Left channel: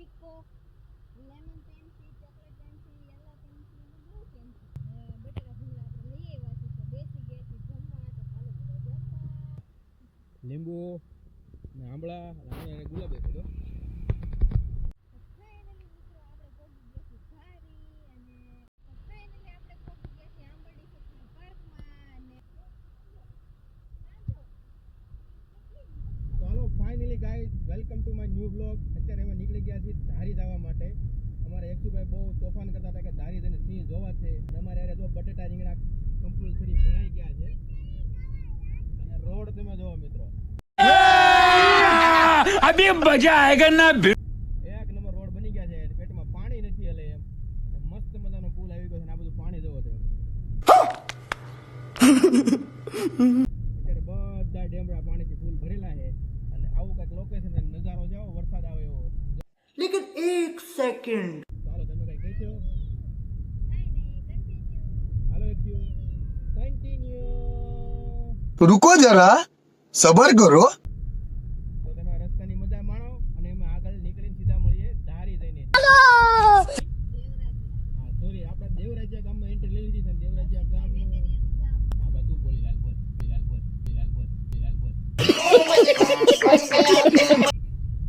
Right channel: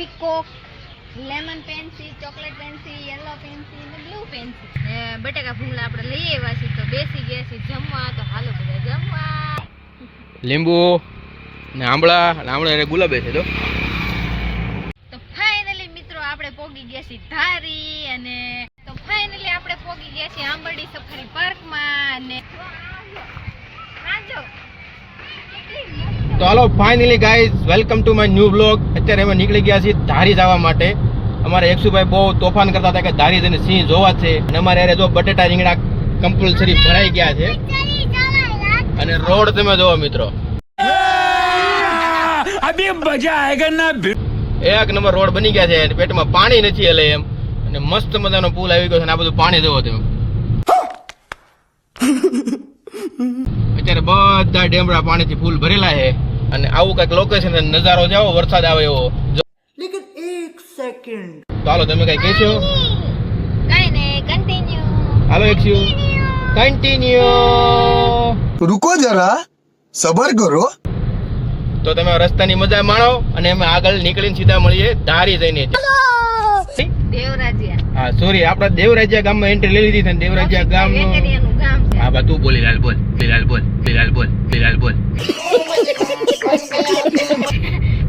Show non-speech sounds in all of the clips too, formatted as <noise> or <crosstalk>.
Peacock lemon pencil chocolate pencil yellow pencil blue pencil ને બટેકા ભૂંગળા આપણે લઈ આવ્યા છીએ તો બેસી ગયા છીએ જમવા. તો હાલો બધા જમવા. લીંબુ ને આંબળા. આંબળા અને ગુલાબે છે તો તો ફાઇનલી મિત્રો આપણે પોગી ગયા છીએ ધારી અને તો ફાઇનલી આપણે પોગી ગયા છીએ આંબરડી સફારી પાર્કમાં અને આજો કેટલી તો હાલો finally guys welcome to my new blog અત્યારે અમે નીકળી ગયા છીએ ધારી જવા માટે. અમારે એકસુભાઈ બહુ તોફાન કરતા હતા કે ધારી જઈને સિંહ જોવા છે. અને અમારે અરે જો બટેટા રીંગણા કમ્પલસરી ભરાઈ ગયા છે. અને રોડ તમે જોવો મિત્રો. અભી મજા એક નંબર રોડ બની ગયા છે પેટમાં પાણી નથી એટલે એમ. અને મસ્ત મજાનો પુલ આવી ગયો છે અને આ બધું પાણી જોવો તમે. <laughs> અત્યારે બધા ડેમરા પાણીથી ફૂલ ભરેલા છે. અને આવું કંઈક લોકેશન નજારો જાઓ વરસાદ આવે એવો. લેકિન એક સેકન્ડ તો તમે કઈ કહેશો? કઈ નહીં કન્ટિન્યુ હાલો એક શું કન્ટિન્યુ રૂકો જરા સબર કરો. તો તમે રસ્તાની મજા માણો અને અમે આગળ નીકળીને સીધા મળીએ ધારી જઈને. દેવરાજિયા. હા સોરી આપણે દેવરાજા ગામમાં એન્ટ્રી લઈ લીધી છે દેવરાજા ગામ હા બા તું બોલી લાલ બોલ લાલ બોલ લાલ બોલ લાલ બોલ.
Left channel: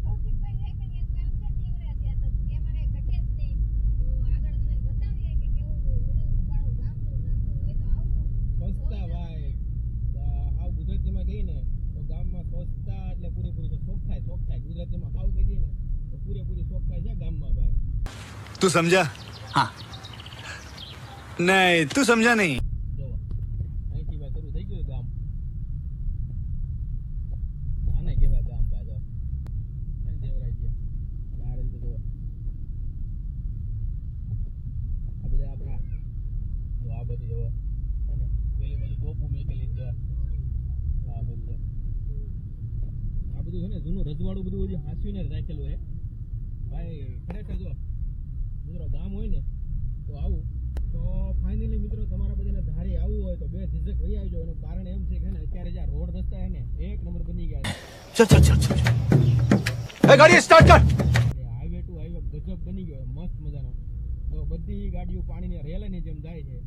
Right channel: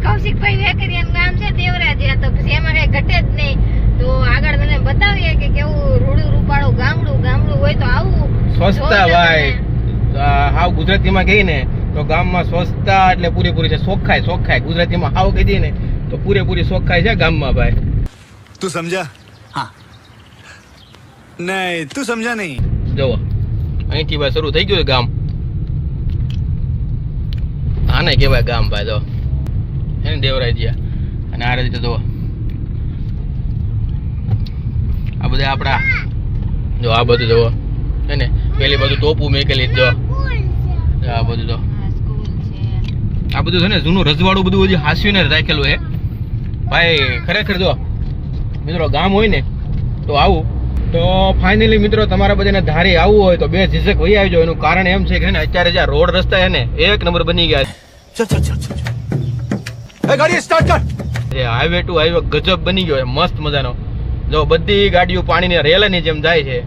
કૌશિકભાઈ વેકરિયાનું ગામ છે દેવરાજા તો પછી એમાં કઈ ઘટે જ નહીં. તો આગળ મને બતાવીએ કે કેવું રૂડું રૂપાળું ગામડું ગામડું હોય તો આવું સ્વચ્છતા ભાઈ. હાવ ગુજરાતીમાં કહી ને તો ગામમાં સ્વચ્છતા એટલે પૂરેપૂરી છે. સોખાય સોખાય ગુજરાતીમાં હાવ કહી ને તો પૂરેપૂરી સોખાય છે ગામમાં ભાઈ. તું સમજા? નહીં, તું સમજા નહીં. જુઓ, અહીંથી ભાઈ શરૂ થઈ ગયું ગામ. આને કહેવાય ગામ ભાઈ જો એને દેવરાઈ ગયા અને આ રીતે જુઓ. આ બધા આપણા જો આ બધું જુઓ. હે ને, પેલી બધું ટોપું મેકેલી જો આ બધું જો આ બધું છે ને જૂનું રજવાડું બધું બધું હાસ્યું ને રાખેલું હે ભાઈ, ખરેખર જો મિત્રો, ગામ હોય ને, તો આવું. તો ફાઇનલી મિત્રો તમારા બધાને ધારી આવવું હોય તો બે ઝીઝક વહી આવજો. એનું કારણ એમ છે કે અત્યારે જે રોડ રસ્તા એને એક નંબર બની ગયા છે. ગાડી હાઈવે ટુ હાઈવે ગજબ બની ગયો મસ્ત મજાનો. જો બધી ગાડીઓ પાણીની રેલાની જેમ જાય છે.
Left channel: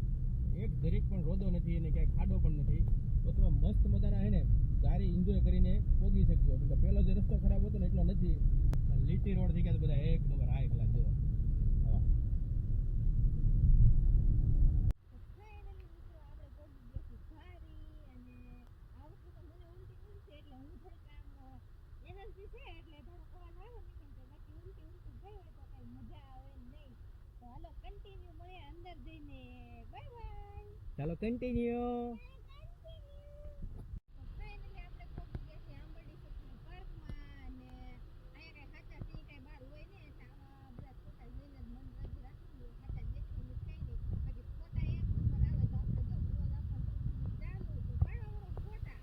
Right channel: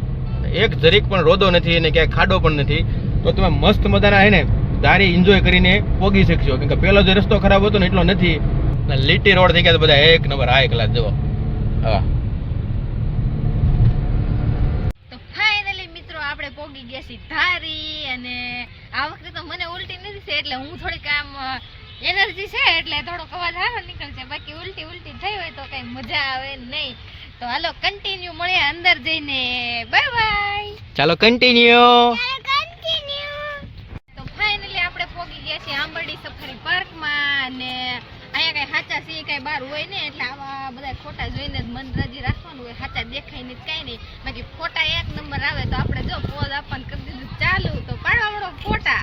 એક જરીક પણ રોદો નથી અને ક્યાંય ખાડો પણ નથી. તો તમે મસ્ત મજાના હે ને ધારી એન્જોય કરીને પોગી શકશો. કેમ કે પહેલો જે રસ્તો ખરાબ હતો ને એટલો નથી. લીટી રોડ થઈ ગયા બધા એક નંબર આ એકલા લાખ જુઓ. હા. ધારી અને આ વખતે તો મને ઉલટી નથી છે એટલે હું થોડીક આમ એનર્જી છે એટલે થોડોક અવાજ સારો નીકળશે. બાકી ઉલટી ઉલટી થઈ હોય તો કઈ મજા આવે નહીં. તો હાલો કન્ટિન્યુ મળે અંદર જઈને. બાય બાય ચાલો કન્ટિન્યુ તો ફાઇનલી આપણે પહોંચી ગયા છીએ આંબરડી સફારી પાર્કમાં અને અહીંયા કઈ સાચા સિંહ કઈ બહાર હોય ને એટલે આવા બધા ખોટા જોઈને જ મન રાજી રાખવાનું હોય. સાચા દેખાય નહીં કઈ નહીં. બાકી ફોટા એક નંબર આવે તો આપણે જો પોઝ આપવાનું કરી દીધું ચાલુ તો પાડવા મળો ફોટા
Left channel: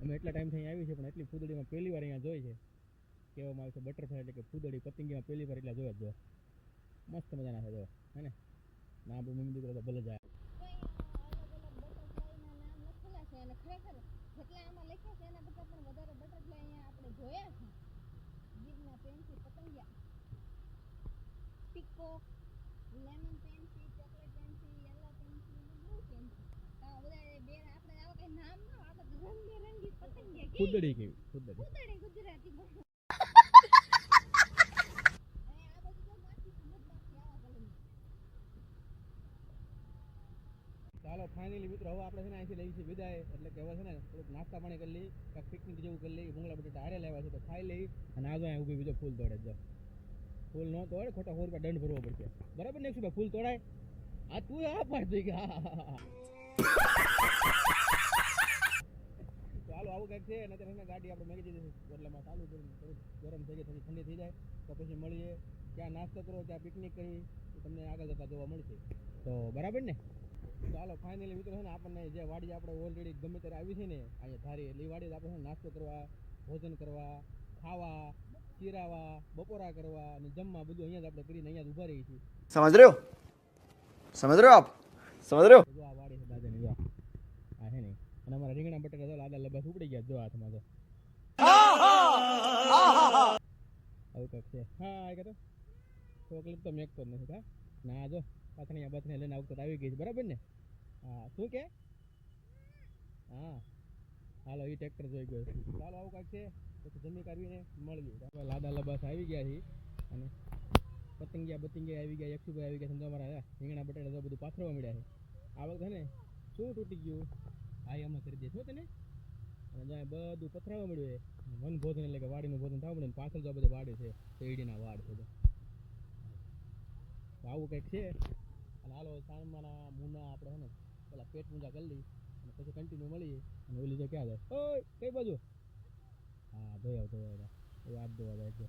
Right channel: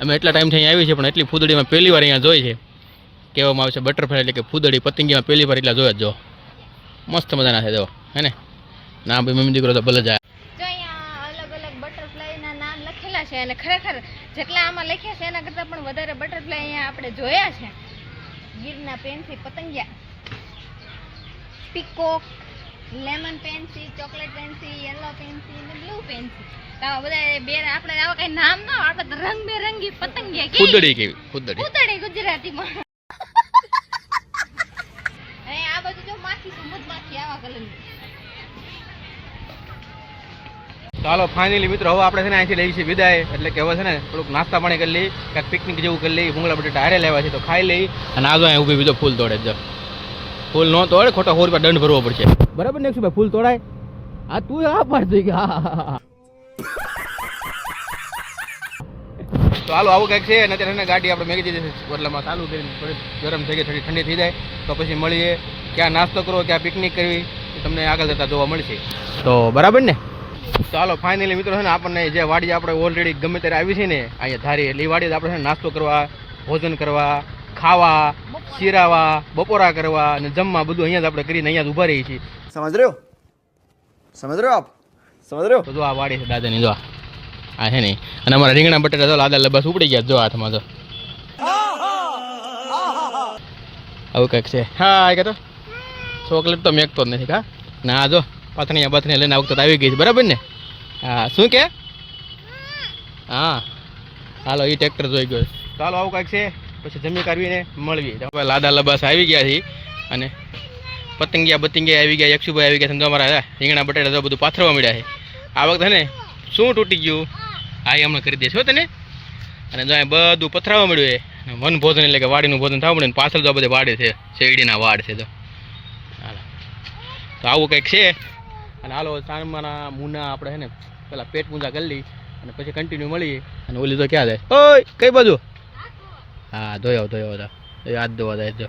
અમે એટલા ટાઈમથી અહીંયા આવી છે પણ એટલી ફૂદડીમાં પહેલી વાર અહીંયા જોઈ છે. કહેવામાં આવે છે બટરફ્લાય એટલે કે ફૂદડી પતંગીમાં પહેલી વાર એટલા જોયા જ જો. મસ્ત મજાના છે, જો. હે ને? ના, ભાઈ, મમ્મી દીકરો તો ભલે જાય. છે અને ખરેખર જેટલા આમાં લખ્યા છે, એના કરતાં પણ વધારે બટરફ્લાય અહીંયા આપણે જોયા છે. ગીરના પેનથી પતંગિયા. Peacock lemon pencil chocolate pencil yellow pencil ને બ્લુ પેન્સી કેવી ગુજરાતીમાં. આ બધું જો માખી આવા ચાલો ફાઇનલી મિત્રો હવે આપણે છે ને અહીંથી લઈ છીએ વિદાય. એટલે કે હવે છે ને થોડુંક નાસ્તા પાણી કરી લઈ કાંઈક પિકનિક જેવું કરી લઈ ભૂંગળા બટેટા હારે લેવા છે તો ખાઈ લઈ અને આ જો અહીં ઊભી બીજો ફૂલ તોડે જ ફૂલ ન તોડે ખોટા સો રૂપિયા દંડ ભરવો પડશે. બરાબર ને ભાઈ ફૂલ તોડાય? આ તું આ પાડતી કે હા હા, હા. તો હાલો આવું કંઈક છે અને અત્યારે ગાડી આપણે મેગી દીધી ઓટલામાં ચાલુ કરીને થોડી ગરમ થઈ ગઈ થોડી ઠંડી થઈ જાય. તો પછી મળીએ ક્યાં નાસ્તો કરવો ક્યાં પિકનિક કરવી તમને આગળ જતા જોવા મળશે. તો બરાબર ને? ચાલો ફાઇનલી મિત્રો છે ને આપણને જે વાડી આપણે ઓલરેડી ગમે ત્યારે આવી છે ને અહીંયા ધારી એટલે એ વાડી આપણે છે નાસ્તો કરવા ભોજન કરવા ખાવા શીરાવા બપોરા કરવા અને જમવા બધું અહીંયા જ આપણે કરીને અહીંયા જ ઊભા રહીએ છીએ. સમજ રહ્યો? સમજ રહ્યો આપ? સમજ રહ્યો? તો જો આ વાડી છે દાદાની જો આ. આ છે ને. અને અમારા રીંગણા બટેટા તો લાદા લબસ ઉપડી ગયા જો હાથમાં તો. આવું કંઈક છે. હા કે તો ચોકલેટ તો મેકતો જ નથી, કા? ના, જો પાથણીયા બાથણીયા લઈને આવતો આવી ગઈ છે, બરાબર ને? હા, શું કે? હા. હાલો એ ટ્રેક્ટર જોઈ ગયો ચાલો આવું કાંઈક છે. પછી જમી કાઢવીને મળવી હવે લાદા લબાસ આવી ગયા છે. અને પતંગિયા બતંગિયા આવી ગયા, યક્ષુભાઈ આવી ગયા સમજો અમારા રીંગણા બટાટા બધું પાથરવા મળ્યા છે. આ વખતે ને, શું તૂટી ગયું? આ એ હમણાં કરી દેશો તને? અને જો બધું પથરાવા મળ્યું એ વન ભોજન એટલે કે વાડીનું ભોજન થવા મળ્યું પાછળ જો બધે વાડે છે, શેરડીના વાડ છે તો તો આવું કંઈક છે. અને હાલો સાણમાના મુના આપણે છે ને, પેલા પેટ પૂંજા કરી લઈ અને પછી કન્ટિન્યુ મળીએ. અને ઓલી તો ક્યાં જાય? ઓય, કઈ બાજુ? હા, ધોયો ધોયો હતા હાથ ધોવા જાય, જો.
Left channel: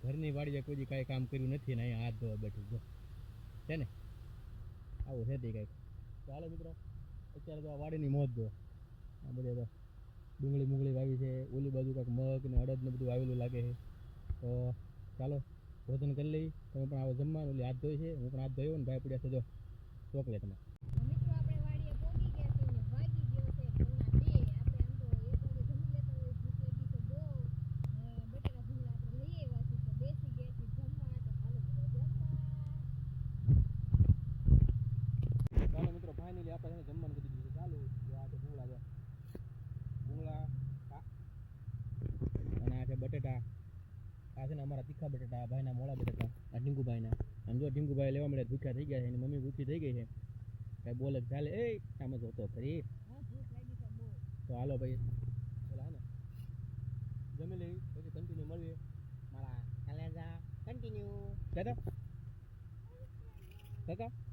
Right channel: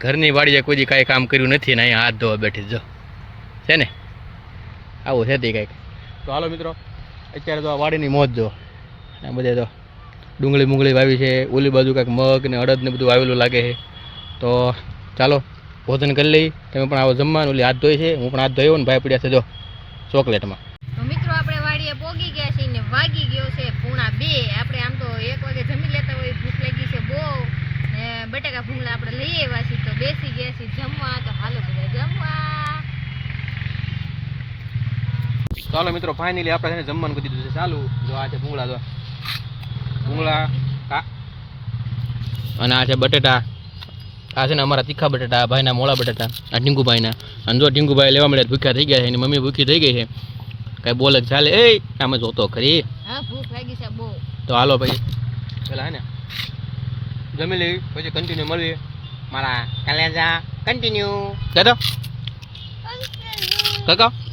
ઘરની વાડીએ કોઈ કાંઈ કામ કર્યું નથી, ને અહીંયા હાથ ધોવા બેઠી જો. છે ને? આવું છે તે કંઈક. તો હાલો મિત્રો અત્યારે તો આ વાડીની મોજ જો. અને બધે તો ડુંગળી મુંગળી વાવી છે, ઓલી બાજુ કાંઈક મગ ને અડદ ને બધું વાવેલું લાગે છે. તો ચાલો, ભોજન કરી લઈ તમે પણ આવો જમવાનું, ઓલી હાથ ધોઈ છે. હું પણ હાથ ધોયો ને ભાઈ પડ્યા છે જો ચોકલેટમાં તો મિત્રો આપણે વાડીએ પોગી ગયા છીએ ને વાગી ગયો છે પૂણા બે આપણે આમ તો એક વાગે જમી લેતા હોય ભૂખ લાગી છે બહુ ને બટાકા ભૂંગળા આપણે લઈ આવ્યા છીએ તો બેસી ગયા છીએ જમવા તો હાલો બધા જમવા ચાલો મિત્રો ફાઇનલી આપણે એને જમવાનું કરી દીધું છે. ચાલુ. જો આ છે ભૂંગળા જો. ભૂંગળા અને આ છે બટેટા. આ છે ને અમારા તીખા બટેટા ભાઈના મોળા બટેટા આ ટીંકુભાઈના અને જો ટીંકુભાઈ લેવા મળ્યા ભૂખ્યા થઈ ગયા છે એની મમ્મી ભૂખી થઈ ગઈ છે. કઈ બોલે ચાલે. એ આમ જોતો ખરી. હા ભૂખ લાગી છે બહુ. તો હાલો ભાઈ. પેલા હે ને જમી લઈ પછી કન્ટિન્યુ મળીએ. મારા કલેજા કન્ટિન્યુ કહેતો કાકા? કન્ટિન્યુ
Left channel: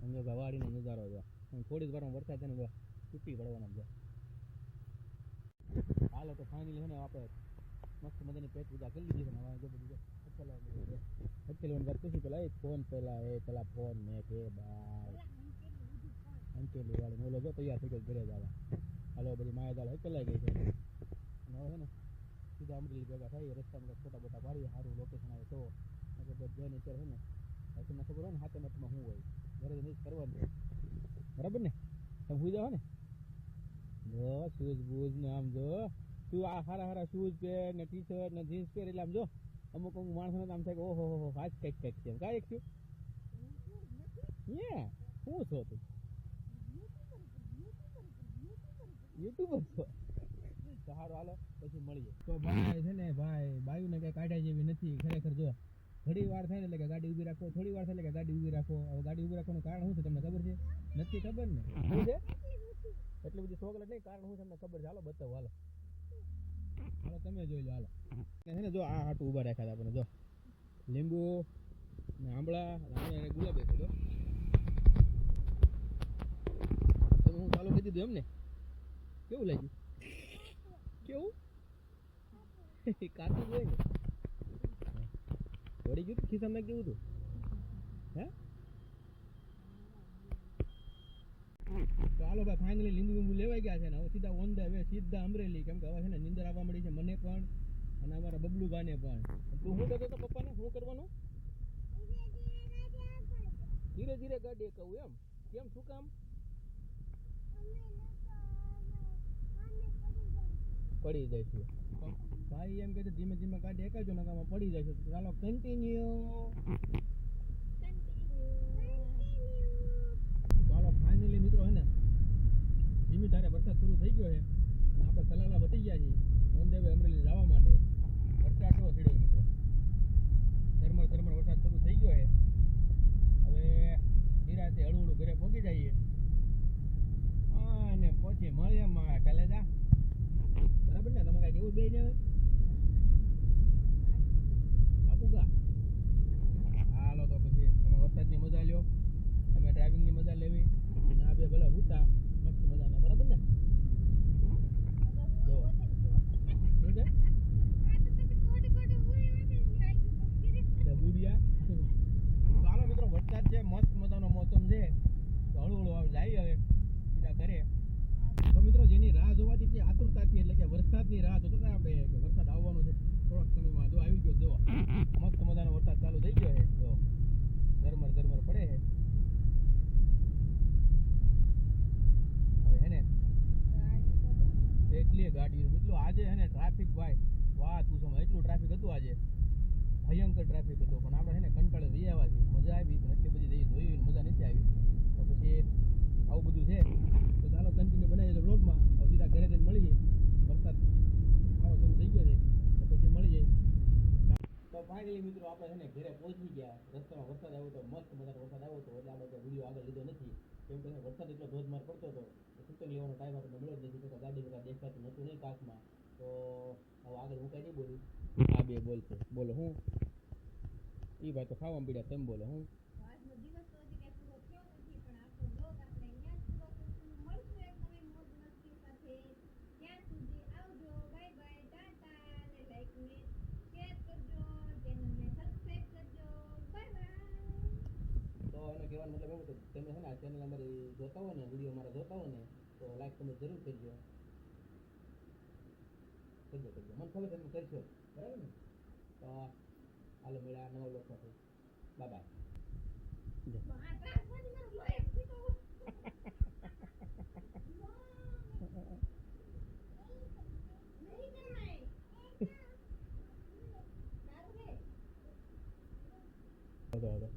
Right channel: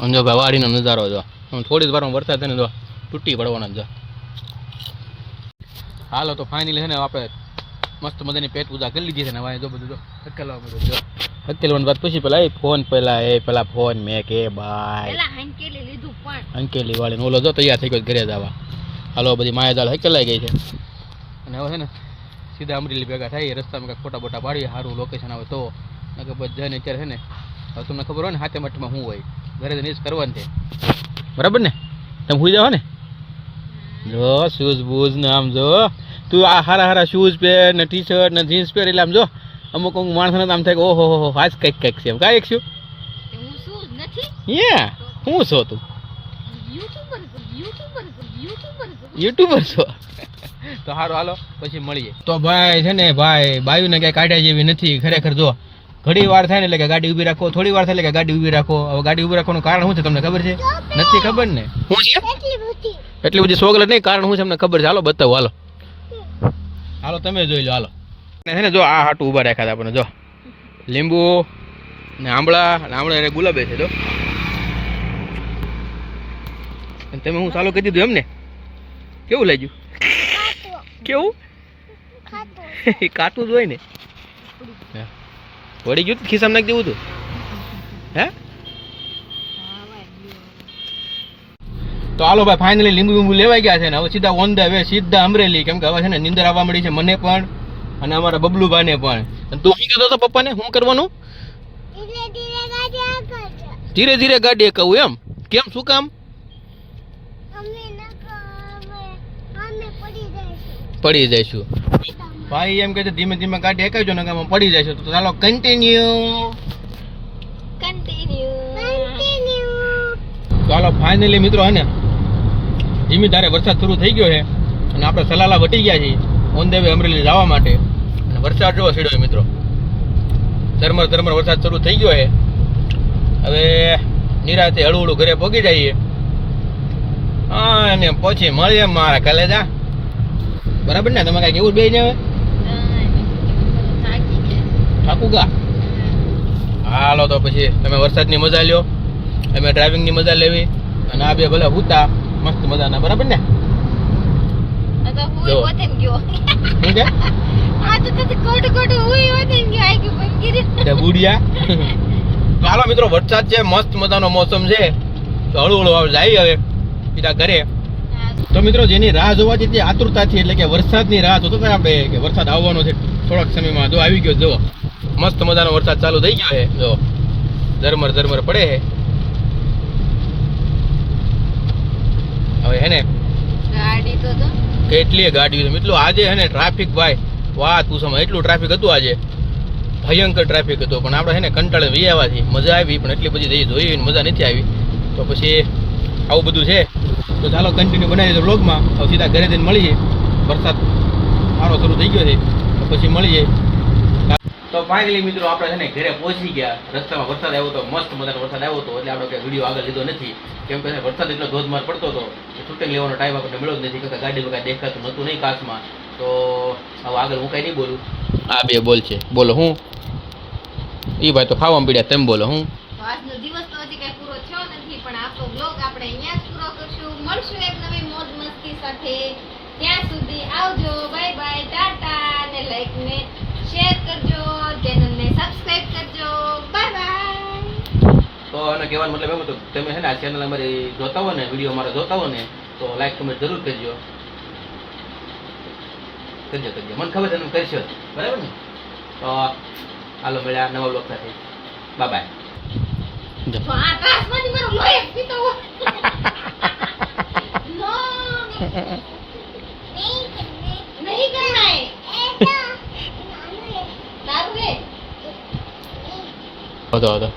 અને જો ભાઈ વાડીનો નજારો જો. થોડી જ વારમાં વરસાદ છે ને જો તૂટી પડવાના જો હાલો તો ફાઇનલી છે ને આપણે મસ્ત મજાની પેટ પૂજા કરી લીધી છે ને વાય જો બધું જો. હકેલવા બધું જો. હકેલવાની વાત પછી પેલા એ ફોન પેલા એ પેલા ફોન મેં કે ભાઈ. પેલા લીધું પણ. અંકેલી વાળી ઓલો જો તૈયાર થઈ ગયો ઘરે જવા હાલો બધી માયાજાળ હકેલાઈ ગઈ છે. અને હવે છે ને સીધા અમરેલી ભેગા થાય રસ્તામાં કાંઈક ફોટા બોટા પાડીએ સારું લોકેશન આવે તો. નકર બધા ને અત્યારે છે ને હવે તમને ખબર હોય ને હાથે મઠમાં શું હોય. ઘરે જઈને કરવાનું છે. બરાબર ને? તમે સુઈ જાઓ ને. જો શૂઝ બૂઝ ને આમ જો. તું આ હારા હારા શૂઝ પહેર ને ટી શર્ટ ને જીન્સ પહેર એટલે આમ જો અમુક અમુક માણસને તો આમ થાય કે ઓહો હો હો આજ કંઈક કંઈક છે એમ. કાંઈ એક શું? હું શું યા હું છો તું? યુટ્યુબર યુટ્યુબર યુટ્યુબર યુટ્યુબર છો? <laughs> તો સારું હાલો પછી મળીએ. તો ભાઈ છે ને ભાઈ બાયુને ક્યાંય કાઢ્યા જેવી નથી. ખરેખર જો ઘડી વાર થાય ને એટલે કે ગાડી ઊભી રાખો થોડી વાર થાય એટલે કે ગાડી ઊભી રાખો. હવે ગાડી ઊભી રાખવાનું કારણ શું છે તમને ખબર છે? નથી ખબર ને? શું છે? એટલી બધી સોગલટ નહીં કારણ શું છે તમને ખબર છે? હાલો બતાવો હાલો. હાલો તમે જોઈ લો હાલો. ને છે ને જો આ હાટું ઊભા રાખ્યા હતા આપણને જો. લીંબુ ને આંબળા અને આંબળા એને ગુલાબે છે જો. તમે હું ચાલુ કરી દીધું એમ ને કેવું લાગ્યું? કેવું? કાટું <laughs> જ હોય ને. વળી ગયું? ખિસ્સામાં નાખી દેવું તું. હે? તો હાલો ભાઈ ફાઇનલી લીંબુ લીંબુ લેવાઈ ગયા છે ને હવે સીધા ઓન ધ વે સીધા અમરેલી. કેમ કે હવે છે ને નિંદર આવવા મળી છે મને પણ અને અમારા બબલુભાઈને પણ. તું શું કહેતો હતો પપ્પાને શું કરવાનું? ધીરે ધીરે ગાડી કહું એમ. કેમ શું કામ? પડી જઈશું. ભાઈ એમ કે છે ધીમે ધીમે ગાડી એકાવજો ને આમાં પડી જઈશું તો ચાલો કન્ટિન્યુ કન્ટિન્યુ ચાલો ફાઇનલી મિત્રો હે ને ધીમી ધારે વરસાદ શરૂ થઈ ગયો છે અને આપણે સલાલા વટી ગયા છીએ ઓન ધ વે અમરેલી જવા માટે. અને વરસાદ જોવા છેડ્યો છે મિત્રો. ધરમર ધરમર વરસાદ શરૂ થઈ ગયો છે. હવે નિરાતે હળવું હળું ઘરે પહોંચી જઈએ. અને પછી મળીએ મારા કલેજા. બરાબર ને? તમે કાંઈક એવું બે ને હવે? ગયા થાકું ગા. હાલો તો પછી તમે વરસાદની મજા લ્યો. અમે ડ્રાઇવિંગની મજા લેવી. અને આ બે ભલે હુતા મસ્ત મજાના બરાબર ને? હાલો મિત્રો વરસાદ છે મસ્ત મજાનો મોસમ છે. તો હળવું હળવું જાય હવે સીધા ઘરે. તો મિત્રો જેની રાહ જોવાથી તે આતુરતાથી એટલે કે વરસાદની રાહ જોતા હતા આપણે કે વરસાદ આવવાનો છે થોડાક સમયમાં. જો આવી ગયો જો મસ્ત મજાનો વરસાદ ચાલુ થઈ ગયો છે. જો ઝરમર ઝરમર પડે છે. હવે હે ને? કેટલી ગાડીઓ છે? એટલું આજે હે ને ટ્રાફિક ભાઈ વાહ તું એટલું ટ્રાફિક હતું આજે. ભયંકર ટ્રાફિક હતો. પણ આપણે હે ને કંટાળે વી આવવાથી મજા આવી પણ એટલી બધી જઈ મજા નથી આવી. તો પછી આવું બધું છે. તો ચાલો કન્ટિન્યુ બનાવી દો બ્લોગમાં હવે સીધા ઘરે જઈને મળીએ. વરસાદ સારો શરૂ થઈ ગયો છે. તો પછી મળીએ. તો ફાઇનલી મિત્રો આપણે છે ને ઘરે પહોંચી ગયા. રસ્તામાં વરસાદ આવ્યો તો મસ્ત મજાનો વરસાદ આવ્યો હતો એટલે આપણે કઈ વીડિયો આગળ લીધો નથી. કેમ કે વરસાદ એટલો ધોધમાર પડતો હતો શૂટિંગ લેવાનો ટાઈમ આપણને મળ્યો જ નથી. કે ગાડી વગર દેખાતું નહોતું નહીં કાચમાં. તો હવે આગળ હું કાંઈ નહીં બોલું. આ બે બોલ છે. બોલો હું? એ ભાઈ તો ખાવામાં પીડ્યા તેમ બોલો હું? આજનો દિવસ તો હજી પૂરો થયો નથી પણ આપણો બ્લોગ આપણે અહીંયા જ પૂરો કરશું. મળશું એક નવી મોજ મસ્તી સાથે. ત્યાં સુધી આવજો. બાય એને કહેવાનો મતલબ એવો હતો તમે છે ને આ ચેનલ અમારી જોતા હો ને વીડિયો અમારા જોતા હો ને તો લાઈક કમેન્ટ જરૂર કરજો. કરજો કરજો. મને ખબર છે તમે કરશો. બરાબર ને? તો હાલો મળ્યા નવા બ્લોક સાથે. બાય બાય <laughs> નહીં કરના હે તારું રે હતો હતો